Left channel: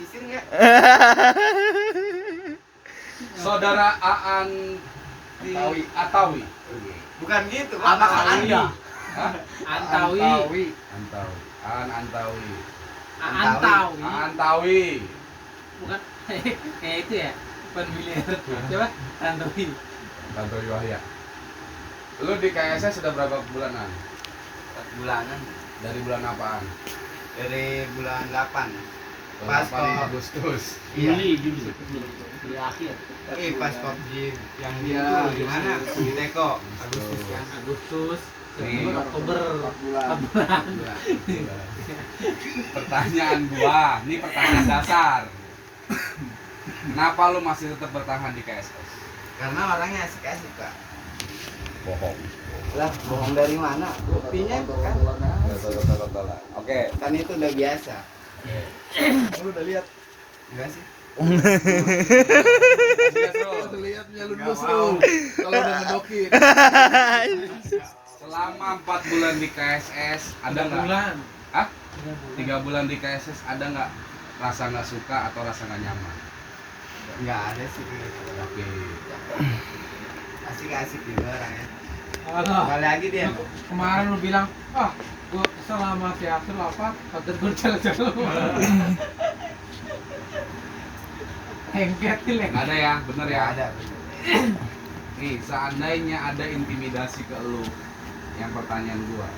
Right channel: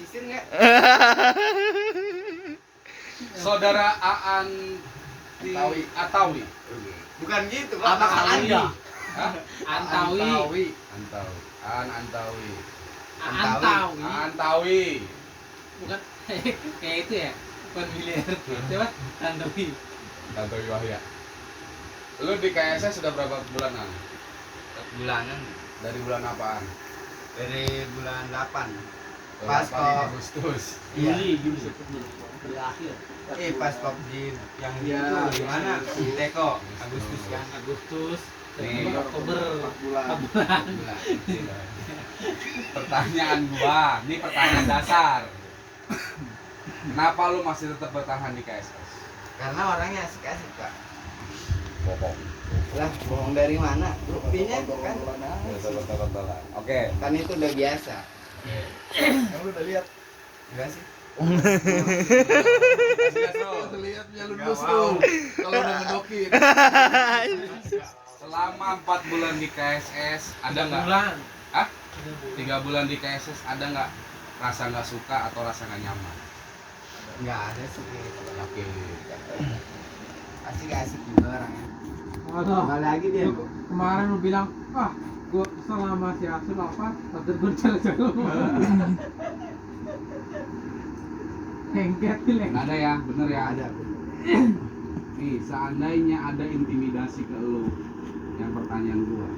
sisir nggak? Saudara Aan Atawi. Bukan gitu, Pak. Anak Nama Anda. Anda. Hah? Antawi. Aan Antawi. Antawi. Bukan kayak itu ya. Pemilihan. Coba Antawi. Tantowi Wahya. Lu di KSS sudah berapa bulanan? 4 bulanan. Dari bulan apaan? Dari bulan 8. Pas Pas kok Agustus. iya. Juli akhir. Pas PUBG yang Iya, itu gimana? Di Teko Agustus ya. Agustus, Nih, September, Oktober. 4 bulan. Pertanyaan gua, ini pertanyaan dasar. Kenapa lu masih tetap bertahan di KSS? Karena orangnya asik-asik, Pak. Bohong. Lah, bohong dari mana? Buktinya kan Oke. kan itu udah biasa. Lu udah lihat? Enggak sih? Lihatnya lu Nggak mau. kalau udah ngedokin. Selama 4 bulan di KSS ada nggak? Bulan. Hah? 3 bulan di KSS ada nggak rasa nggak suka atau rasa nggak nyaman? Enggak ada sih. Oke. Asik-asik juga orangnya. Alah. Kali lagi dia. Kemarin lu bilang, gua selama si Asul apa? Kata gue jalan-jalan. Hengket nih. Nggak ada ya, bener ya. Enggak ada. Nih, seandainya ada intimidasi ke lu, yang pertanyaan gua,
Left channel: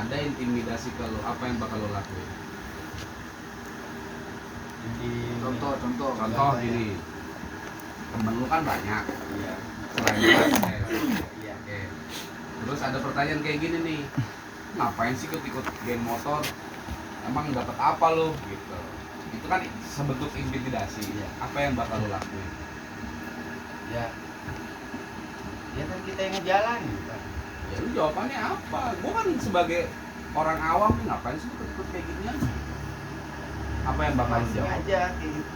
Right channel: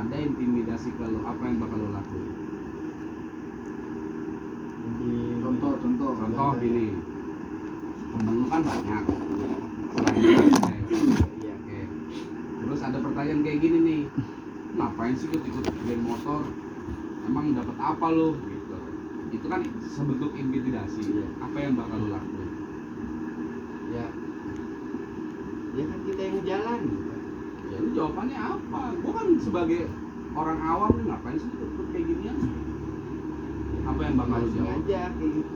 ada intimidasi ke lu, apa yang bakal lu lakuin? Contoh Contohnya. gini, temen lu kan banyak, Iya. selain KSS. Iya. Oke. Terus ada pertanyaan kayak gini nih, ngapain sih ikut geng motor? Emang dapat apa lu? Gitu. Itu kan sebentuk intimidasi. Iya. Apa yang bakal lu lakuin? Ya. Ya kan kita yang ngejalanin, Pak. Ya lu jawabannya apa? Gua kan sebagai orang awam nih ngapain sih ikut kayak ginian? Apa yang bakal lu Mancing jawab? aja kayak gitu.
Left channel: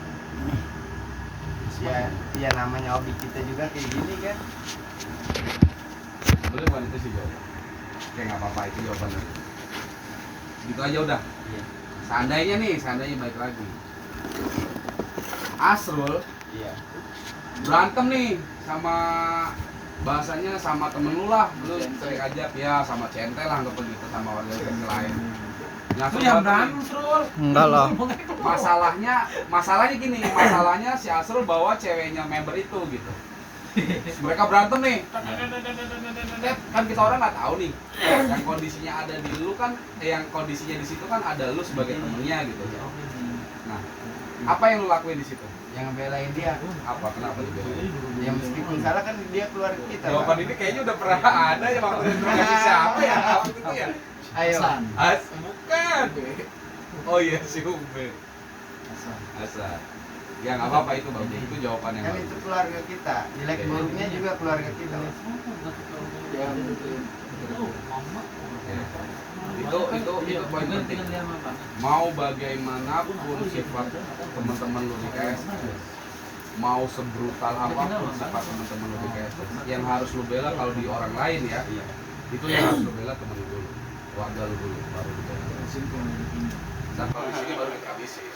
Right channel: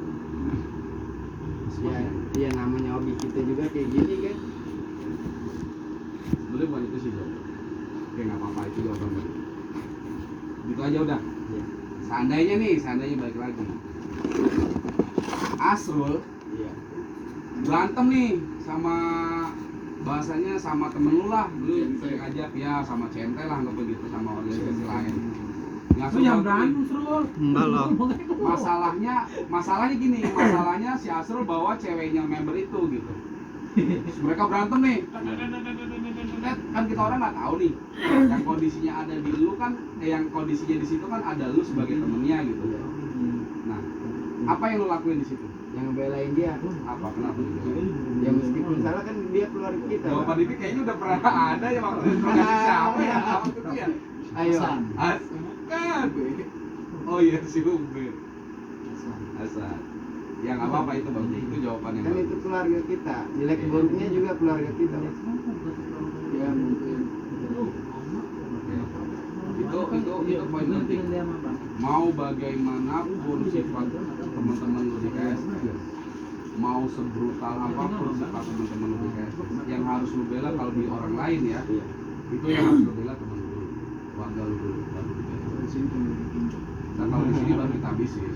Ya namanya hobi kita juga kayak gini kan. Boleh bukan itu sih jawaban. Oke nggak apa-apa itu jawabannya. Gitu aja udah. Iya. Seandainya balik lagi. Asrul Iya. berantem nih sama bahasanya sama temen lu lah, lu sering ajak ya sama centel lah anggap begitu sama warga lain. Nah, Lu yang berantem, Srul. Enggak lah. Masalahnya gini, masalahnya si Asrul bawa ceweknya member itu gitu. Mereka berantem nih. Kan kita orang nggak tahu nih. Yang kondisinya ada di lu kan, yang kondisinya di situ kan ada lu sebagai temennya gitu. Nah, apa yang lu lakuin di situ? Yang ngebelain dia. Apa? Kenapa dibelain? Ya meskipun salah kan dia keluarga kita. Jawaban Pak. ini kayaknya udah pernah ada ya waktu itu siapa ya waktu itu ya? Ayo. Bukan. Oh iya si Ube. Hasan. Ya nggak apa-apa itu bang. Itu jawabannya. Kan itu keluarga kita. Jelek buruknya juga keluarga kita. Ya. Itu poin penting. Mau bagaimanapun sifat teman-teman lu di KSS, mau sebrutal apapun sifat teman-teman lu di KSS, yang harus lu bela kalau di orang lain ya, itu yang harus lu bela teman lu dulu, keluarga lu dulu, baru kita. Dan kalau di sini baru kita habisin.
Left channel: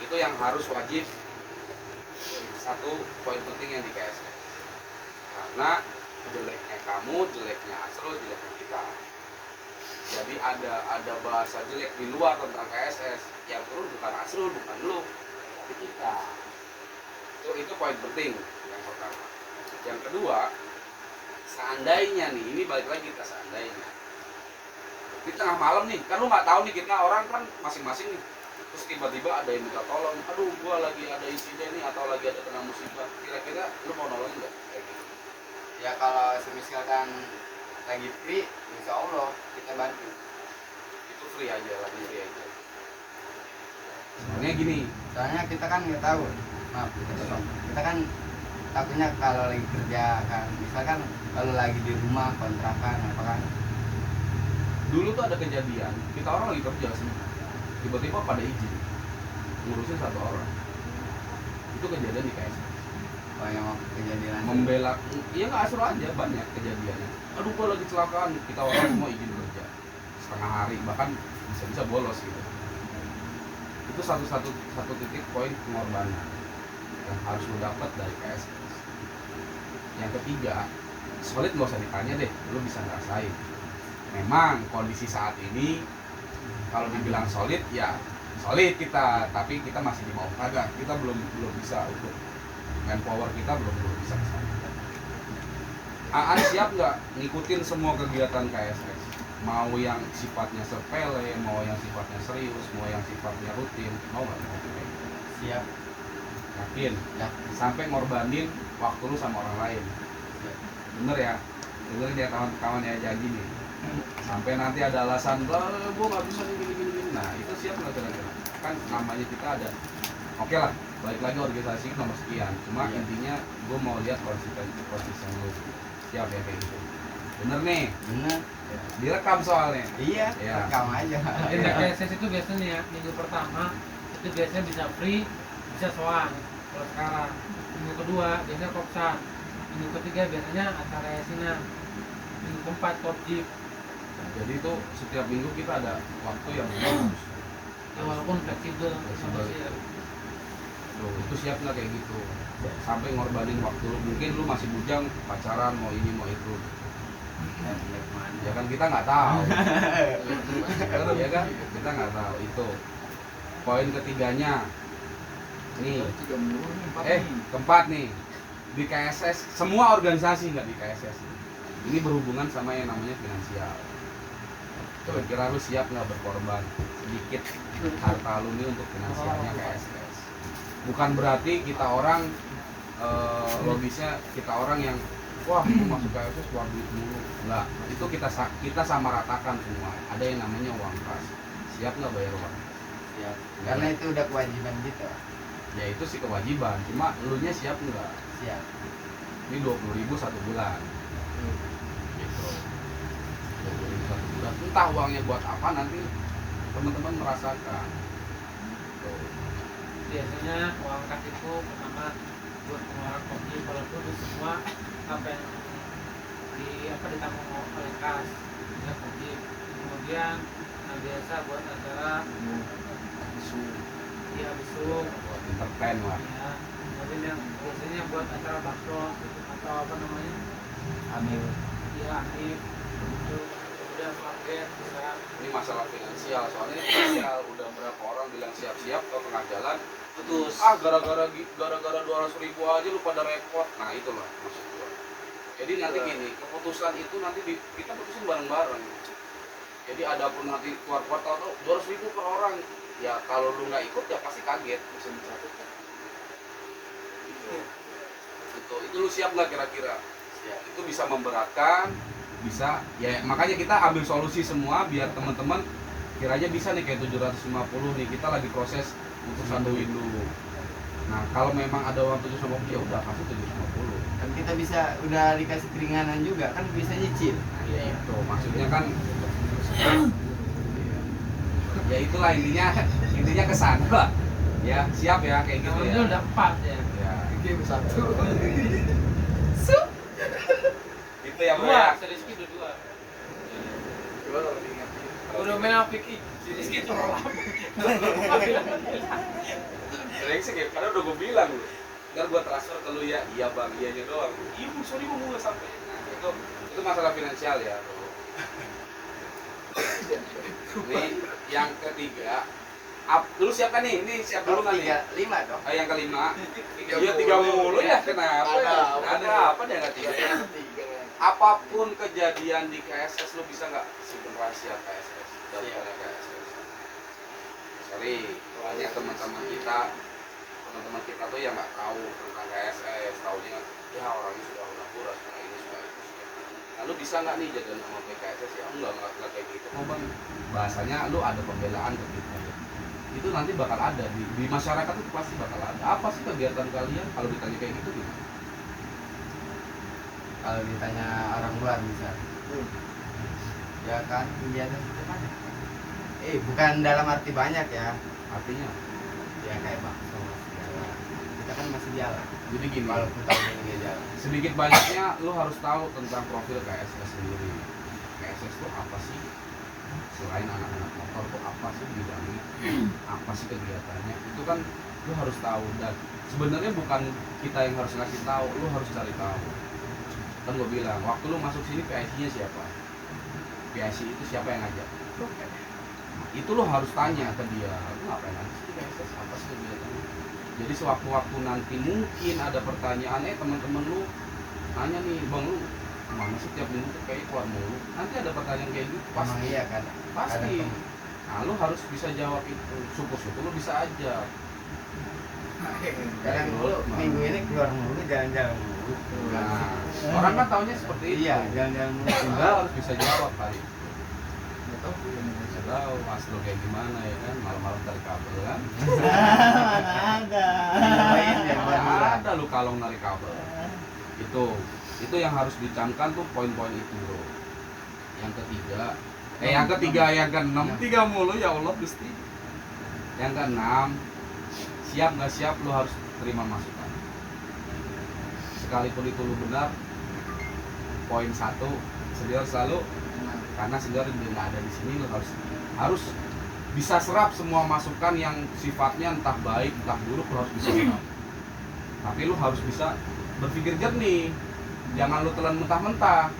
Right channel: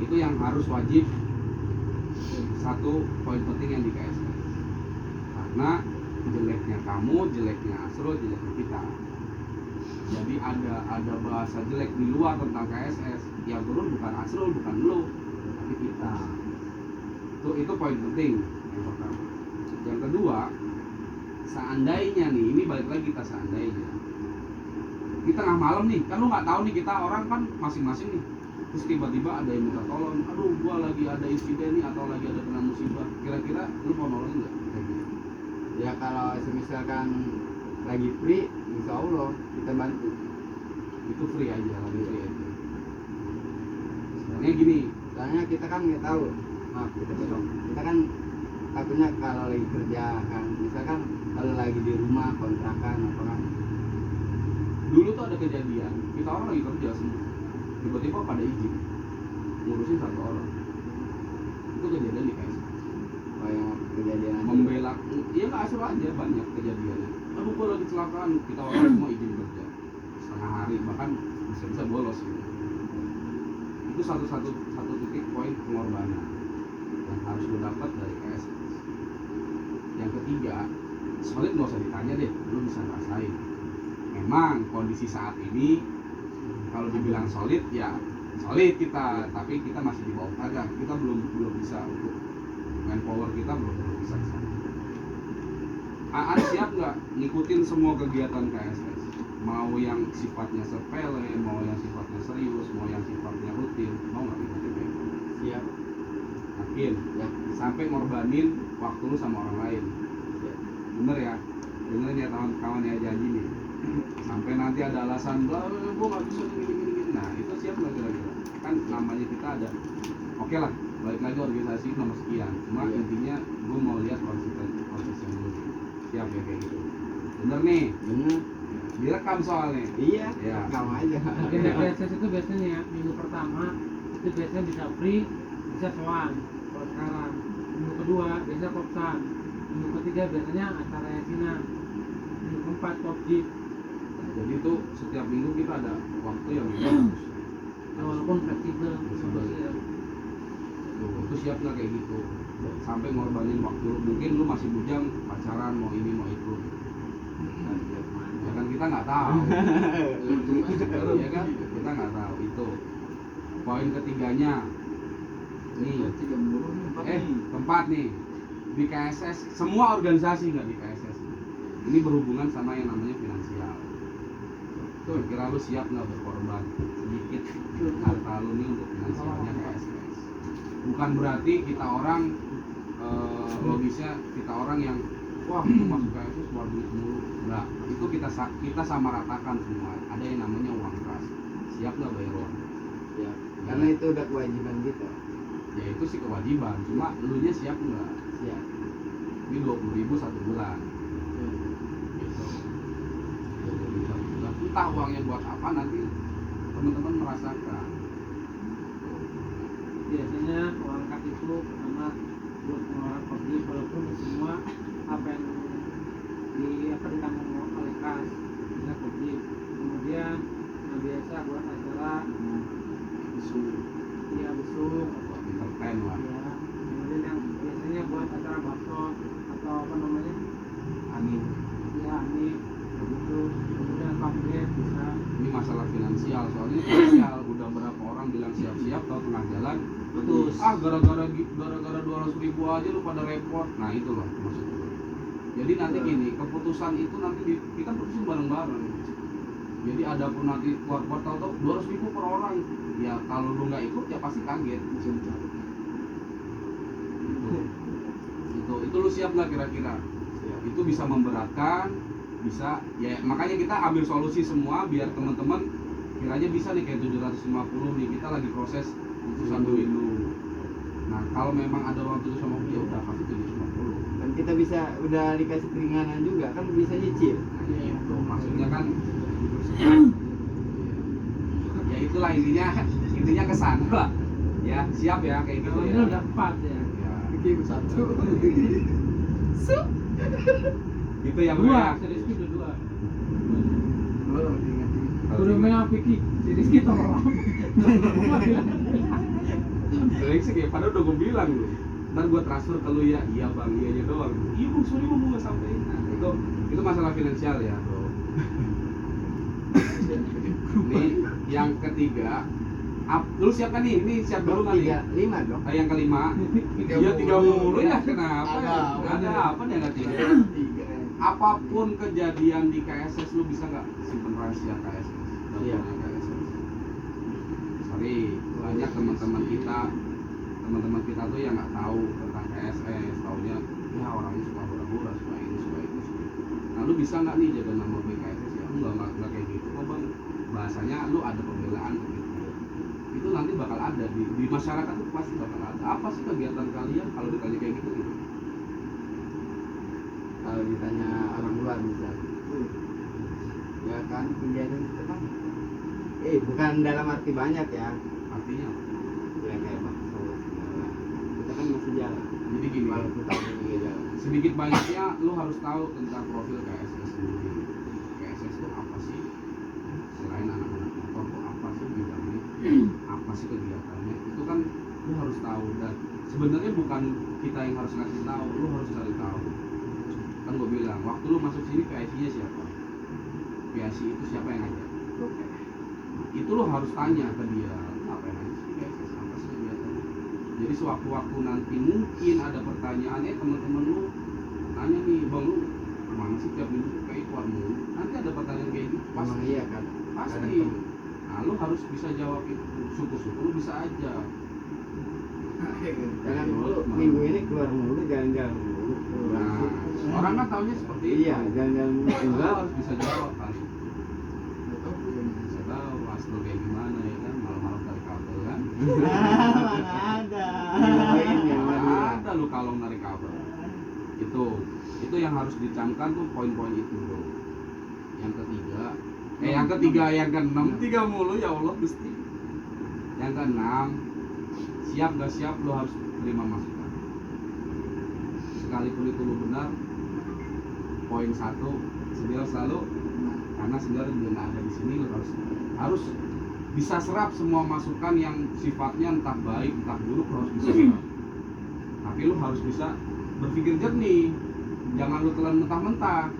Itu yang harus wajib. Satu poin penting yang di KSS. Karena jeleknya kamu, jeleknya Asrul, jeleknya kita. Jadi ada bahasa jelek di luar tentang KSS. Yang turun bukan Asrul, bukan lu, tapi kita. Itu poin penting yang pertama. Yang kedua, seandainya nih, ini balik lagi kita seandainya. Di tengah malam nih, kan lu nggak tahu nih, kita orang kan masing-masing nih. Terus tiba-tiba ada yang minta tolong, aduh gua lagi ada insiden nih atau lagi ada kena musibah. Kira-kira lu mau nolongin nggak? Kayak gitu. Ya kalau misalkan lagi free, insya Allah kita bantu. Itu free aja, lagi free aja. Soalnya gini, Soalnya kita kan nggak tahu. Maaf, kita kan takutnya kalau lagi kerja kan, misalkan kalau lagi di rumah kontrakan apa kan. dulu tuh ada kejadian, kita orang lagi kerja semua, tiba-tiba pada izin ngurusin satu orang. Itu kejadian di KSS. Oh yang waktu kejadian Membela, iya nggak Asrul aja banyak kejadiannya. Aduh gua lagi kecelakaan, kita orang semua izin kerja setengah hari, bahkan bisa bolos gitu. Itu satu titik poin pengorbanan yang harus lu dapat dari KSS. Yang ketiga, solid nggak usah ditanya deh, lu bisa ngerasain. Memang kondisi saat ini kalau dibilang solid ya solid kita, tapi kita masih di bawah kagak, kita belum bisa untuk manpower kita belum bisa ke sana. Aan siap nggak ngikutin semua kegiatan KSS? Mau yang sifatnya sepele, mau yang sifatnya serius, mau yang sifatnya rutin, mau nggak ngikutin? Siap. Yakin? Ya. Sampai ngorbanin waktu lu sama orang lain. Siap. Bener ya? Dengerin ya kawan-kawan ya, jangan gini. Sampai nanti ada alasan, gue nggak bisa gini. Nah itu siap nggak kira-kira? Kan namanya kita ada. Oke lah, balik lagi organisasi nomor sekian. Cuma Iya. intinya gue mau lihat konsisten lu. Siap ya kayak gitu. Bener nih. Bener. Ya. Direkam soalnya. Iya. Ya. Rekam aja. Jadi KSS itu biasanya ya, minggu pertama itu biasanya bisa free, bisa soan. Kalau sekarang minggu kedua biasanya kopsan, minggu ketiga biasanya acara yasinan, minggu keempat kopjip. Jadi itu setiap minggu kita ada waktu yang bagus. Ya walaupun fleksibel, bisa Tuh, itu siap nggak kayak gitu? Sampai ngorbanin waktu lu, mungkin lu masih bujang pacaran mau ini mau itu. Ya kan kita nggak tahu. Ya kan kita nggak tahu itu. Poin ketiganya nih, keempat nih di KSS, semua organisasi nggak di KSS. Ini berhubungan sama yang namanya finansial. Kira-kira lu siap nggak berkorban sedikit harta lu ini untuk finansialnya KSS? Bukan berarti kita orang logisnya kita orang yang wah masuk KSS keluar duit mulu. Enggak, itu kita sama ratakan semua. Ada yang namanya uang kas. Siap nggak bayar uang? Siap. Karena itu udah kewajiban kita. Ya itu sih kewajiban. Cuma lu nya siap nggak? Siap. Ini 20.000 satu bulan. Gitu. 20.000 satu bulan. Entah uangnya buat apa nanti teman-teman merasakan. Tuh. biasanya uang kas itu pertama buat pengeluaran kopjip, walaupun semua apa yang ditanggung oleh kas ya kopjip. Kemudian biasa buat acara ya bisu Buat entertain lah. ya. Kemudian yang biasanya buat acara bakso atau apa namanya Amin. ya amif begitu. Kemudian target bisa Ini masalah finansial, soalnya finansial udah berapa orang bilang siap-siap ke tengah jalan putus. Gara-gara 200.000 aja lu pada repot. Nah itu loh maksud gua. Jadi nanti gini, keputusan itu nanti kita putusin bareng-bareng. Jadi ada pun nanti keluar tahu 200.000 per orang. Ya kalau lu nggak ikut ya pasti kaget, bisa dicabut. Itu lu siap nggak kira-kira? Siap. Itu bisa memberatkan, bisa ya makanya kita ambil solusi semua biar teman-teman kiranya bisa nih kayak 750 nih, kita lagi proses putusan dulu. Nah kalau memang ada uang 750 ya udah kasih 750. Kan kita bisa udah dikasih keringanan juga kan bisa nyicil. Nah, ya itu maksudnya kan ya itulah intinya kesana lah ya. Siap ya kayak gitu namanya ya. udah 4 ya. Ya Game satu. gitu ya Bu, Dua, ya. si Rizky udah 2. Gua kalau diingetin. Udah main apa Vicky? Si Rizky tolong. Brengsek ya, padahal udah gue bilang lu. Ntar gue transfer ke lu ya, iya bang, iya aja doang. Iya bu, sorry bu, gak sampai. Nah, itu masalah finansial ya bro. Nih, yang ketiga, lu siap kan nih? Ini siap dulu kan nih? 5 dong. Yang kelima, iya 3 mulu ya, kenapa ya? Ada apa dia nggak 3? Apapun kejadian di KSS, lu bisa nggak simpen rahasia KSS? Iya. KSS. Sorry, banyak teman-teman kita tuh yang nggak tahu tentang KSS, taunya ya orangnya suka hura-hura, suka ini, suka itu. Nah, lu bisa nggak nih jaga nama baik KSS ya? Enggak kayak gitu, kok bang. Bahasanya lu ada pembelaan ke kita. Itu nanti bakal ada di masyarakat itu pasti bakal ada. Apa sih kegiatan kalian kalau ditanya kayak gitu? Gimana? Kalau ditanya orang luar bisa. Ya kan kegiatan kita banyak. Bukan dalam arti banyak ya. Artinya Ya kayak bakso segala. Kita kan masih jalan. jadi gini, Kalau kita ini jalan. sedikit banyaknya lu harus tahu tentang profil KSS sendiri. KSS itu apa sih? selain anak-anak motor tuh apa sih bidangnya, apa sih kegiatannya, itu kan lu harus tahu. Dan sebenarnya bukan kita yang harus ngasih tahu, lu harus cari tahu. Kan gue bilang waktu lu masuk sini PIC-nya siapa, PIC itu siapa yang ngajak, itu lu harus tanya ke dia apa yang nanti PIC apa sih kegiatannya. Jadi sewaktu-waktu nanti mungkin ada pertanyaan, teman-teman lu nanya nih, bang lu mana sih tiap minggu tuh kayak keluar mulu, nanti ada pertanyaan kayak gitu Emang pasti. iya kan, Pasti. Nah, lu harus bisa jawab itu. Syukur-syukur lu bisa aja. kadang minggu ini keluar mulu, jalan-jalan mulu. Nah, orang kan taunya seperti itu. Iya, jalan-jalan mulu Lu juga. harus bisa jawab kali. Bisa tahu mas lu kayak gimana ya kan, malam-malam tarik kabel kan. Ada. Ngapain ya Madura? Ada lu kalau narik kabel. Itu yang harus dicamkan tuh poin-poin itu bro. Yang ketiga, yang keenam, tiga mulu ya Allah Gusti. Yang keenam, siap nggak siap lu harus terima masukan. Sekalipun itu lu benar, poin satu, senior selalu, karena senior nggak ada di sini, lu harus bisa serap semua masukan yang sifatnya entah baik entah buruk, lu harus bisa serap. Tapi lu harus bisa berpikir jernih, jangan lu telan mentah-mentah.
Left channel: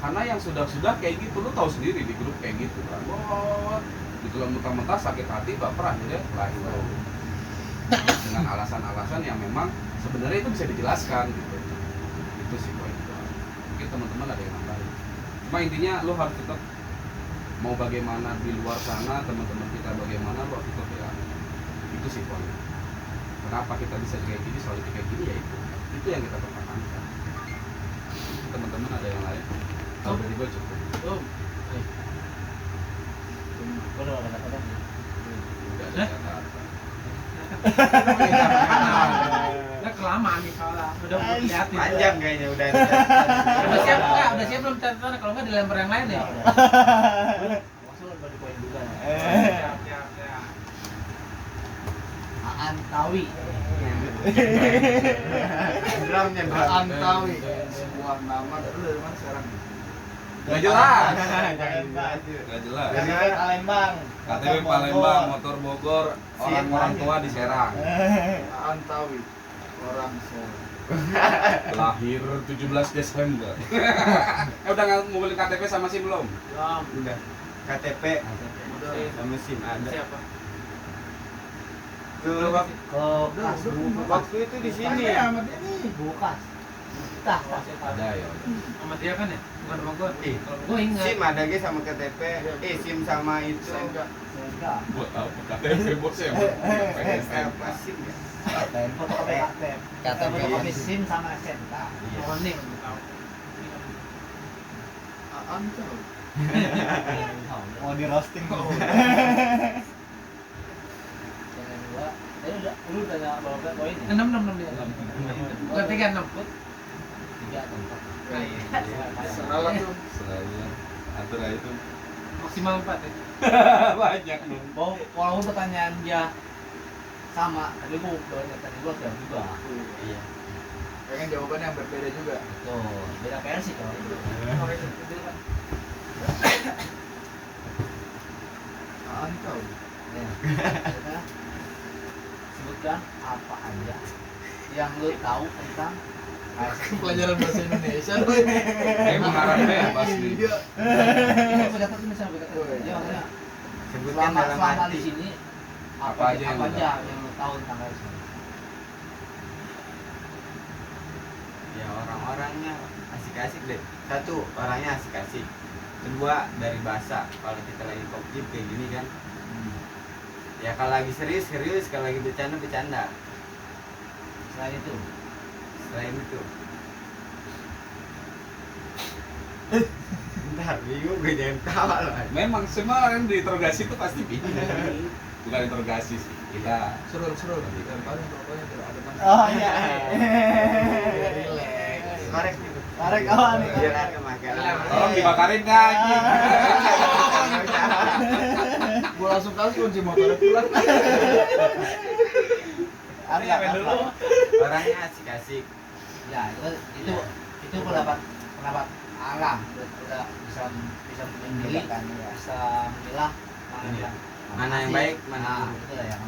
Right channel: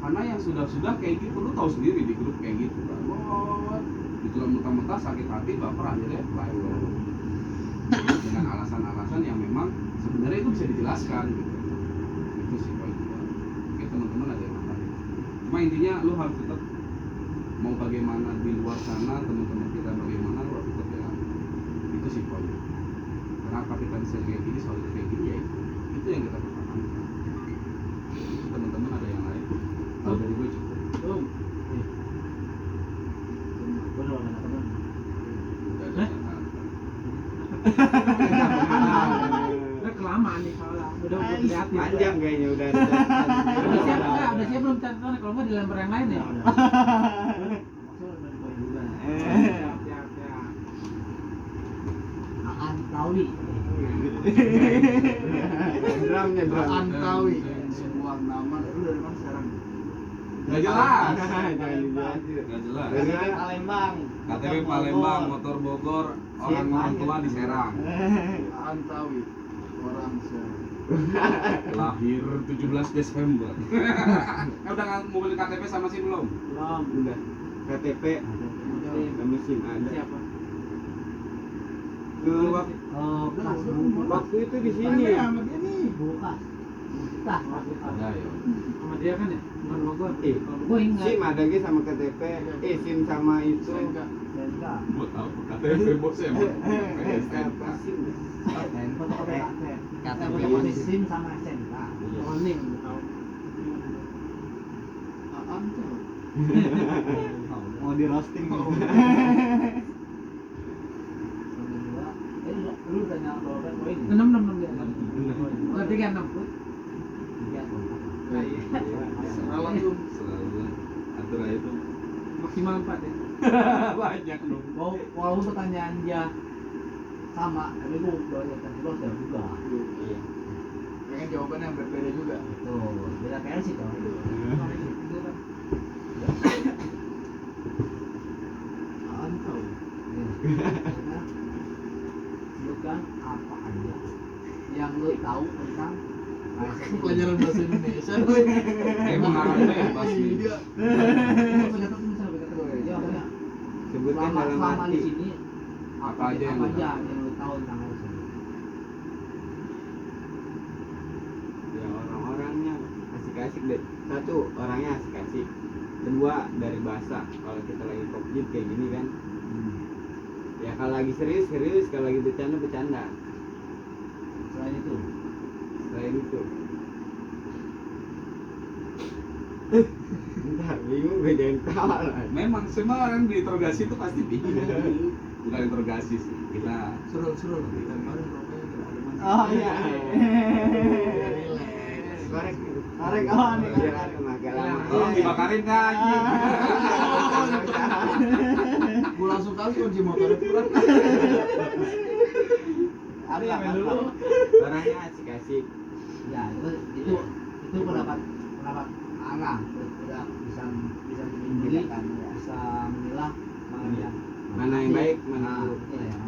Karena yang sudah kayak gitu, lu tahu sendiri di grup kayak gitu kan. Ditelan mentah-mentah, sakit hati, baper, akhirnya lain. Dengan alasan-alasan yang memang sebenarnya itu bisa dijelaskan gitu. Itu sih poin itu. Mungkin teman-teman ada yang nambahin. Cuma intinya lu harus tetap mau bagaimana di luar sana, teman-teman kita bagaimana, lu harus tetap ya. Itu sih poin. Kenapa kita bisa kayak gini, selalu kayak gini ya itu yang kita pertahankan. Teman-teman ada yang lain? Kalau dari gue cukup. Gue udah kata-kata. Udah ada kata-kata. Udah kelamaan nih soalnya. Udah lihatin. Panjang kayaknya udah. Udah siap enggak? Udah siap belum catatan? Kalau enggak dilempar yang lain ya. Maksudnya bagi poin juga. Siap. Antawi. Drumnya drum. Antawi sebuah nama dari mana sekarang? Gak jelas. Jangan dibahas. Gak jelas. KTP Palembang. KTP Palembang, motor Bogor, orang tua di Serang. Antawi orang Solo. Lahir 17 Desember. Udah ngumpulin KTP sama SIM belum? Belum. Udah. KTP sama SIM ada. Siapa? Waktu itu di sini. Bukas. Bukas. Ada ya. Sama dia kan ya? Bukan Bogor. Kalau Bogor SIM ingat. ada ge sama KTP. SIM sama itu. Sehingga Buat apa KTP buat saya? Apa SIM ya? tempo KTP. SIM sama SNK. Oh, nih tahu. Antawi. Mau di roasting kok. Jangan dua. Tadi lu udah berapa poin ya? 6 dia. Bukan 36. Tiga atau empat. Nah, iya. Salah tuh. Selalu atur aja itu. Maksimal 4 ya. Banyak lu. Walaupun pertanyaan dia sama, tadi gua udah juga. Iya. Pengen jawabannya yang berbeda juga. Betul. Beda versi kan. Antawi. Kita sebutkan apa aja yang lu tahu tentang Pelajaran bahasa Indonesia. Mengharapkan ya pas nih. Iya. Pendapat misalnya ya maksudnya Sebutkan dalam selama di arti. sini Apa aja yang apa lu aja yang lu tahu tentang KSM? Ya orang-orangnya asik-asik deh. Satu, orangnya asik-asik. Kedua, dari bahasa. Kalau kita lagi kopjip kayak gini kan. Ya kalau lagi serius, kalau lagi bercanda. Selain itu Selain itu. Bentar, bingung gue jangan ketawa loh. Memang semua yang diinterogasi itu pasti bingung. Bukan interogasi sih. Kita Seru. Kita kemarin rokoknya tidak ada mana. oh iya Relax. Korek nih. Korek, oh, nih. Biar ada makan. oh, dibakarin kan anjing. Mau langsung kasih kunci motornya pulang. apa Orangnya asik-asik. ya itu pendapat arah udah bisa bisa memilih Membedakan, ya. bisa memilah mana Iya. yang Mana yang baik, mana yang buruk. itu lah yang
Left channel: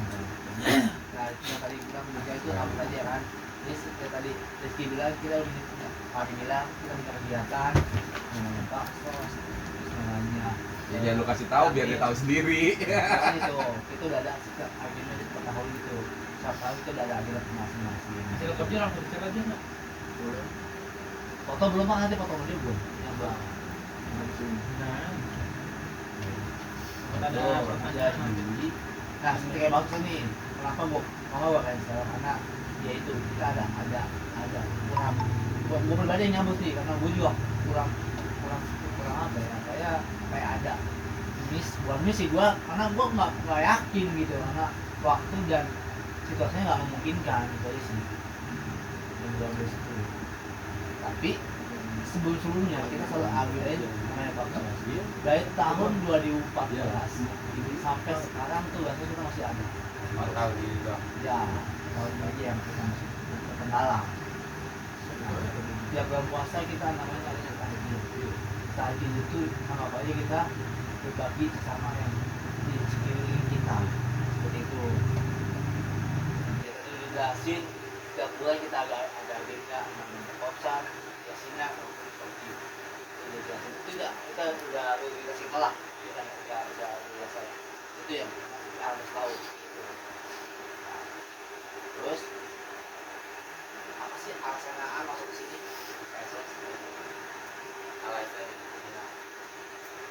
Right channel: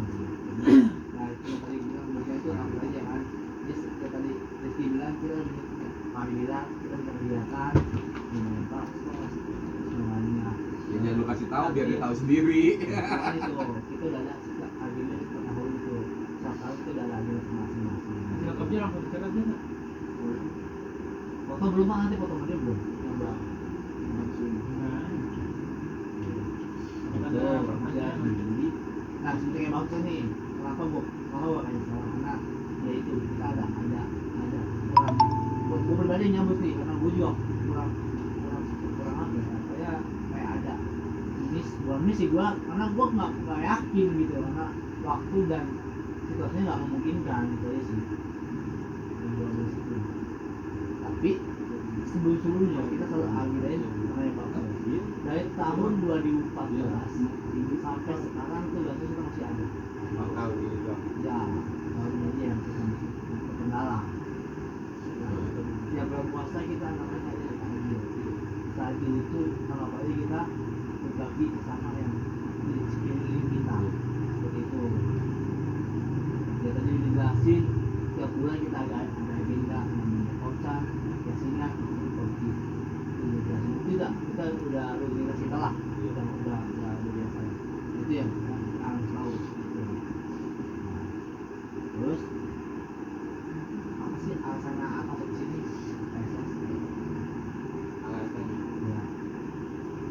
nah cuma tadi bilang buruknya itu apa aja kan jadi seperti tadi Rizky bilang kita udah Fadi bilang kita minta kegiatan namanya paksa terus namanya Ya jangan lu kasih tahu biar dia tahu sendiri. kan itu udah ada agenda per tahun itu setiap tahun itu udah ada agenda masing-masing Hasil kerja langsung dicerat aja nggak? foto belum Bang, nanti foto dia belum yang bang Nah, ada ada jadi nah seperti kayak bagus nih kenapa gua mau kayak sekarang karena ya itu kita ada kurang gua pribadi yang nyambut nih karena gua juga kurang apa ya kayak ada kurang sih gua karena gua nggak yakin gitu karena waktu dan situasinya nggak memungkinkan gitu aja sih yang gua nulis itu tapi sebelumnya kita selalu ambil aja namanya bagus dari tahun 2014 ini sampai sekarang tuh kan kita masih ada Oh, tahu juga. ya tahun ini aja yang kita masih terkendala tiap bulan puasa kita namanya ada yang tahajud itu sama apa aja kita berbagi sama yang di sekeliling kita seperti itu ya tadi udah jelasin tiap bulan kita ada agenda namanya kopsar yasinak ataupun kopi itu udah jelasin itu kita udah kasih kalah udah biasa itu yang kita harus tahu gitu. Nah, terus apa sih alasan masuk ke sini PSS Alasannya. iya.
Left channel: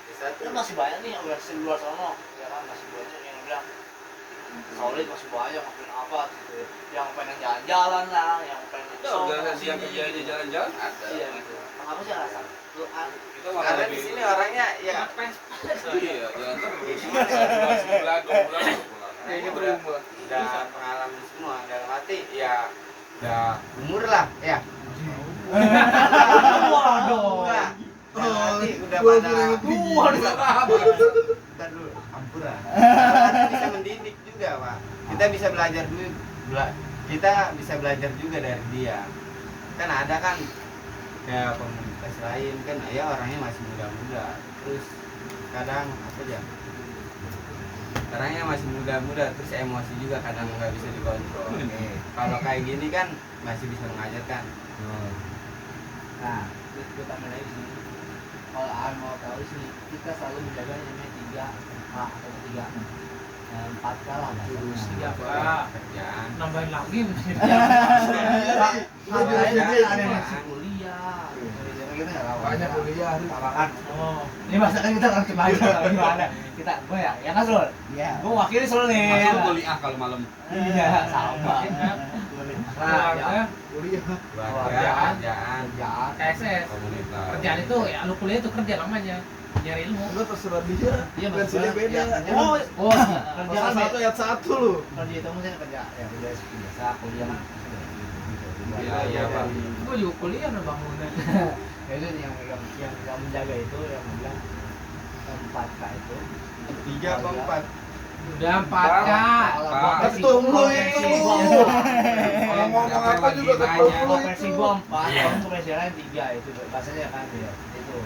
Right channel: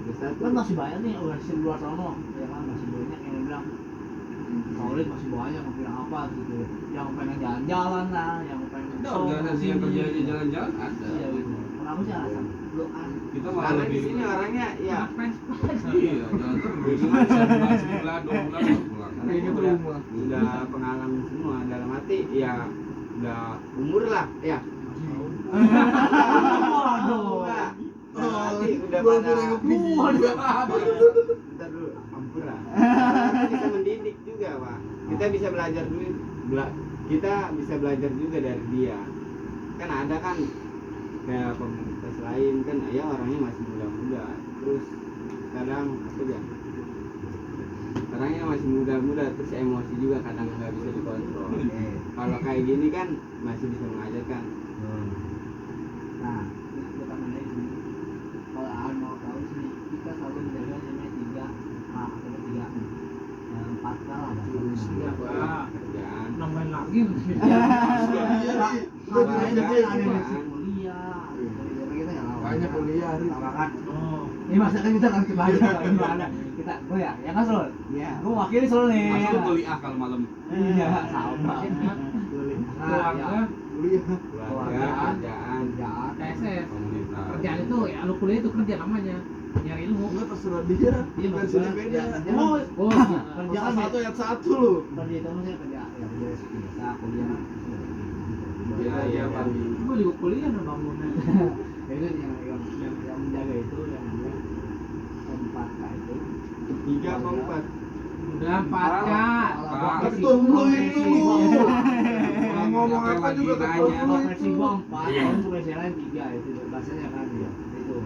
Bisa Kan masih banyak nih organisasi di luar sana ya kan masih banyak yang udah solid masih banyak yang bilang apa gitu yang pengen jalan-jalan lah yang pengen Ada organisasi yang kerja aja jalan-jalan ada. iya gitu apa sih alasan lu Kita karena di sini orangnya ya Iya, jalan terus. Sebulan, 2 bulan, sebulan. karena ini udah pengalaman semua dalam arti ya udah umur lah ya. waduh Enggak. Dalam arti udah Gua pada Bentar dulu, ampura. Bisa mendidik juga, Pak. Kita bisa belajar dulu, kita bisa belajar juga dari dia. Kan ada kan ya komunitas lain kan ya orangnya masih muda-muda. Terus kadang apa ya? Orangnya masih muda-muda terus emosi juga kadang nggak bisa dikontrol. Kalau kayak gini kan masih bisa mengajarkan. nah itu tambahin lagi sih kalau mau tahu sih kita selalu menjaga yang namanya 3 atau 4 kalah bahasanya 3K. Kerjaan. Nambahin lagi mesti. Makanya mungkin ada yang masih kuliah gitu. Kita nggak tahu Banyak kuliah. kan Oh, ini masa kan kita langsung aja gimana kita gue ya kan Sul Iya. gue wakili Sul nih Masuk kuliah kalau malam. iya sama keluarga, Kuliah. Keluarga, kerjaan. kerjaan KSS. Komunitas. Kerjaan itu ya lu kuliah itu kerja namanya. Nyari ilmu. Enggak terserah dia. iya Versinya beda. oh kerja Pasal kan 1 ayat 1 lu. kerja itu mungkin kerja ya kerja biasa kuliah Iya, iya, Pak. Gue juga kuliah no bangunan. ya itu yang kita menjaga itu yang bilang 4K itu 3 apa 4? Udah 4K. Itu lu itu. Kalau ngomong apa juga kan kalau versi gua 4 kamu versi lain 3 itu bahasanya kan ya itu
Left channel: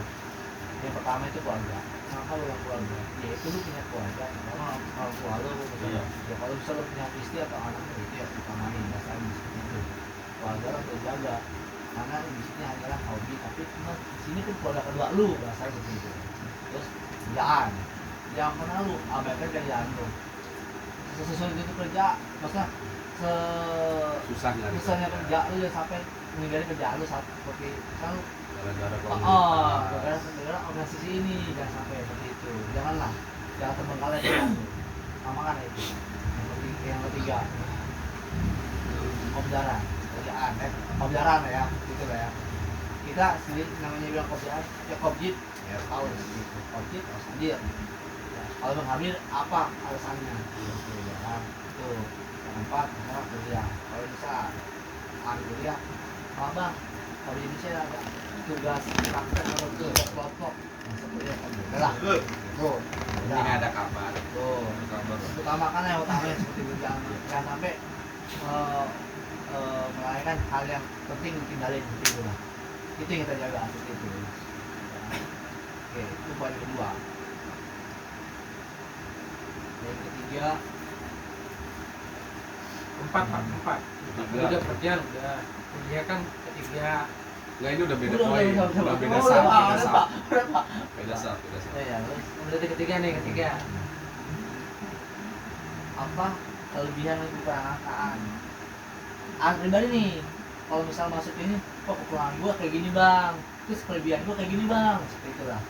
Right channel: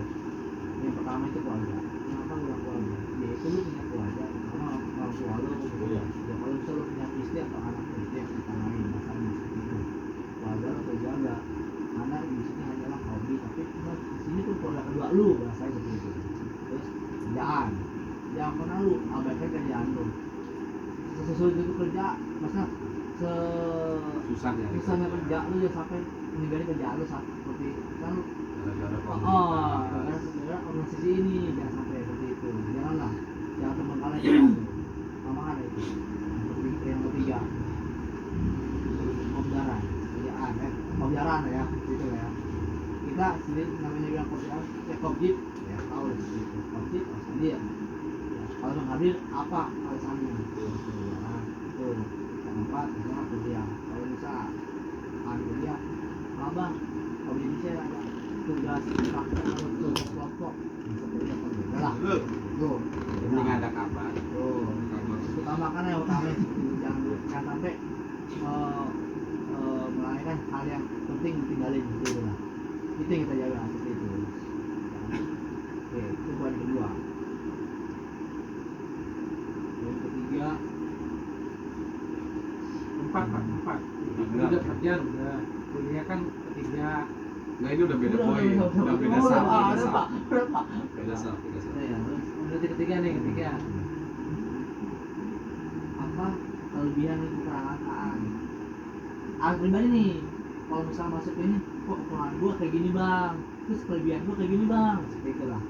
yang pertama itu keluarga kenapa lu bilang keluarga ya itu lu punya keluarga karena orang tua lu Iya. ya kalau bisa lu punya istri atau anak lu itu yang utamain bahasanya seperti itu keluarga lu harus jaga karena di sini adalah hobi tapi di sini pun keluarga kedua lu bahasanya seperti itu terus kerjaan jangan pernah lu abaikan kerjaan lu sesulit itu kerja maksudnya Susah nyari susahnya kerja lu ya sampai meninggalin kerjaan lu seperti kan lu Gara-gara gara-gara organisasi ini jangan sampai seperti itu janganlah jangan terbengkalai kerjaan lu sama kan itu yang ketiga objaran kerjaan objaran ya gitu lah ya kita sendiri namanya bilang objaran ya kobjit ya tahu gitu kobjit harus hadir ya, kalau menghadir apa alasannya gitu ya kan itu yang 4 misalnya kuliah kalau bisa kuliah bang kalau di Indonesia ada tugas praktek atau tugas kelompok seperti itu lah tuh Ini ada kabar. tuh utamakan yang utama seperti itu jangan sampai melalaikan hal yang penting tinggalin gitu lah itu yang kita jaga seperti itu Oke, itu poin kedua. Yang ketiga, Empat. Udah kerja udah. Kuliah kan ketiga. Nggak, ini udah beda Udah, poin. udah, Udah beda udah, sah. udah, Beda udah, sah. Pak. Udah, Pak. Beda sah. Beda sah. Ya, terus Udah ketiga nih ketiga. apa kelebihan dan kekurangan? Pribadi nih, kalau misal masuk ini, kok kekurangan gua kayak gini bang, terus kelebihan gua kayak gini bang, seperti itulah.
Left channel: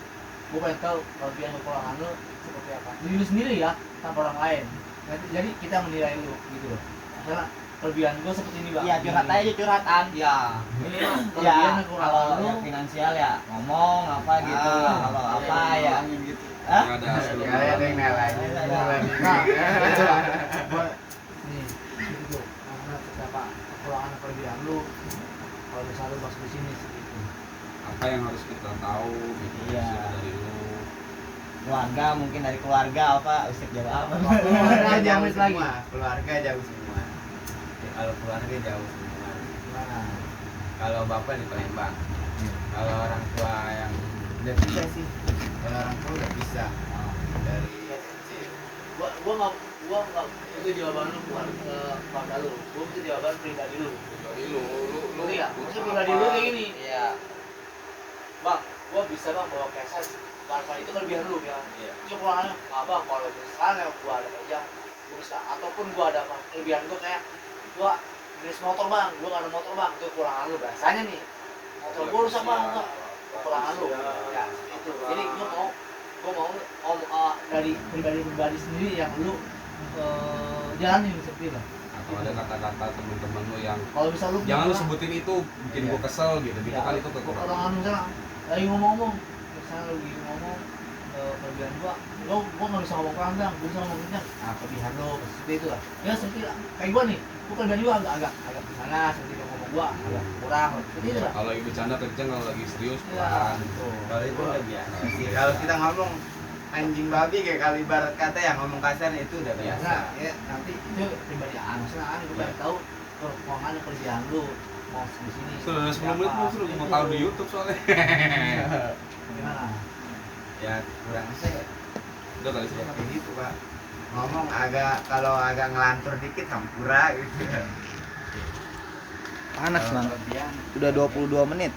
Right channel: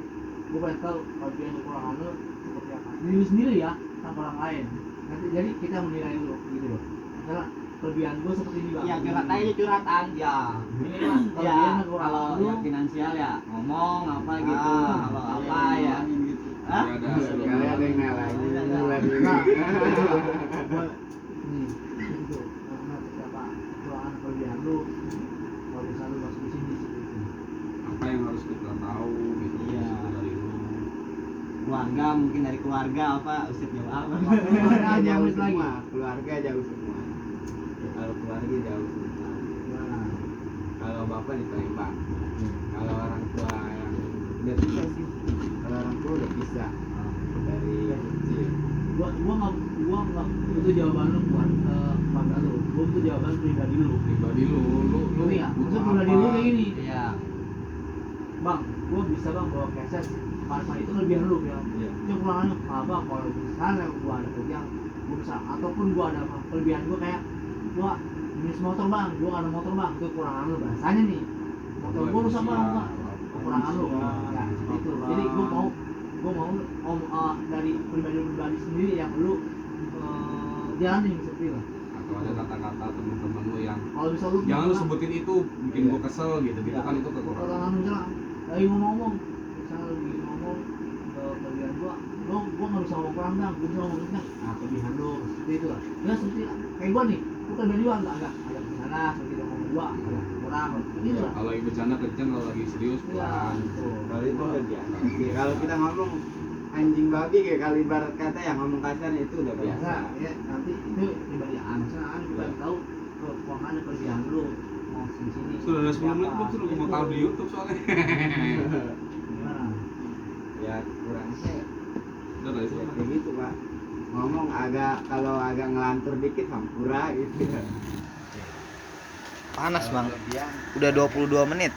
Gua pengen tahu kelebihan dan kekurangan lu seperti apa. Diri lu sendiri ya, tanpa orang lain. Jadi kita menilai lu gitu loh. Karena kelebihan gua seperti ini bang. Iya, curhat aja curhatan. Ya. Kelebihan Ya, dan kekurangan kalau lu. yang finansial ya ngomong apa gitu. Ah, Kalau iya, apa iya, ya. Hah? Nggak ada hasil. Kalian ada yang nalain. Gua nih, gitu tuh. Karena terdapat kekurangan kelebihan lu. Kalau misal lu masuk di sini seperti itu. Apa yang harus kita tahu gitu Iya. dari lu. Keluarga mungkin dari keluarga apa Ustaz jawab apa? Keluarga jauh Jauh lagi. semua. Keluarga jauh semua. Kalau keluarga jauh semua. Gimana? Kalau bapak di Palembang. Kalau orang tua yang udah bisa sih. Kalau orang tua udah bisa dari kecil. Gua nggak itu jawaban lu bukan keluarga lu. Gua itu jawaban pribadi lu. Pribadi lu Ngerti nggak? Maksud apa? pribadi lu kayak gini. Iya. Bang, gua bisa bang bawa keset. Tanpa itu kelebihan lu ya. Iya. Cuma kekurangannya, bang kalau misalnya gua ada kerja, gua bisa. Ataupun gua ada apa? Kelebihan gua kayak gua jenis motor bang, gua nggak ada motor bang, itu kekurangan lu. Biasanya nih motor gua rusak bang, enggak. Kekurangan lu. Ya seperti itu. Jadi gua mau dari pribadi sendiri yang lu jalanin seperti itu. Atau ada kata-kata teman-teman lu yang Kalau misal lu jangan lu sebutin itu bikin Iya. gua kesel gitu. Itu Ya, kan itu kekurangan. kekurangan misalnya lagi ngomong misalnya lagi ngomong kelebihan gua nggak bisa ngomong pelanggang, gua bisa ngomong kencang. Nah kelebihan lo seperti itu lah. Ya seperti lah. Kayak gua nih, gua kelebihan gua agak gimana seperti yang ngomong gua agak kurang seperti itu lah. Kalau lagi bercanda kenceng, kalau lagi serius Ya, pelan. gitu. Kalau itu udah biasa sih. Kalau kita ngomong anjing babi kayak kali ibarat kata yang ngomong kasar itu udah biasa. Ya, nanti itu pribadi maksudnya gua pengen tahu keuangan dan kerjaan lu mau di sini. Sudah 10 menit lu sudah mau tahu di YouTube soalnya. Gimana? Ya kurang sih. Udah kali sih. Ya, kayak gitu pak. Ngomong kalau agak ngelantur dikit hampura gitu. Panas bang. Kalau kelebihan, Udah 22 menit.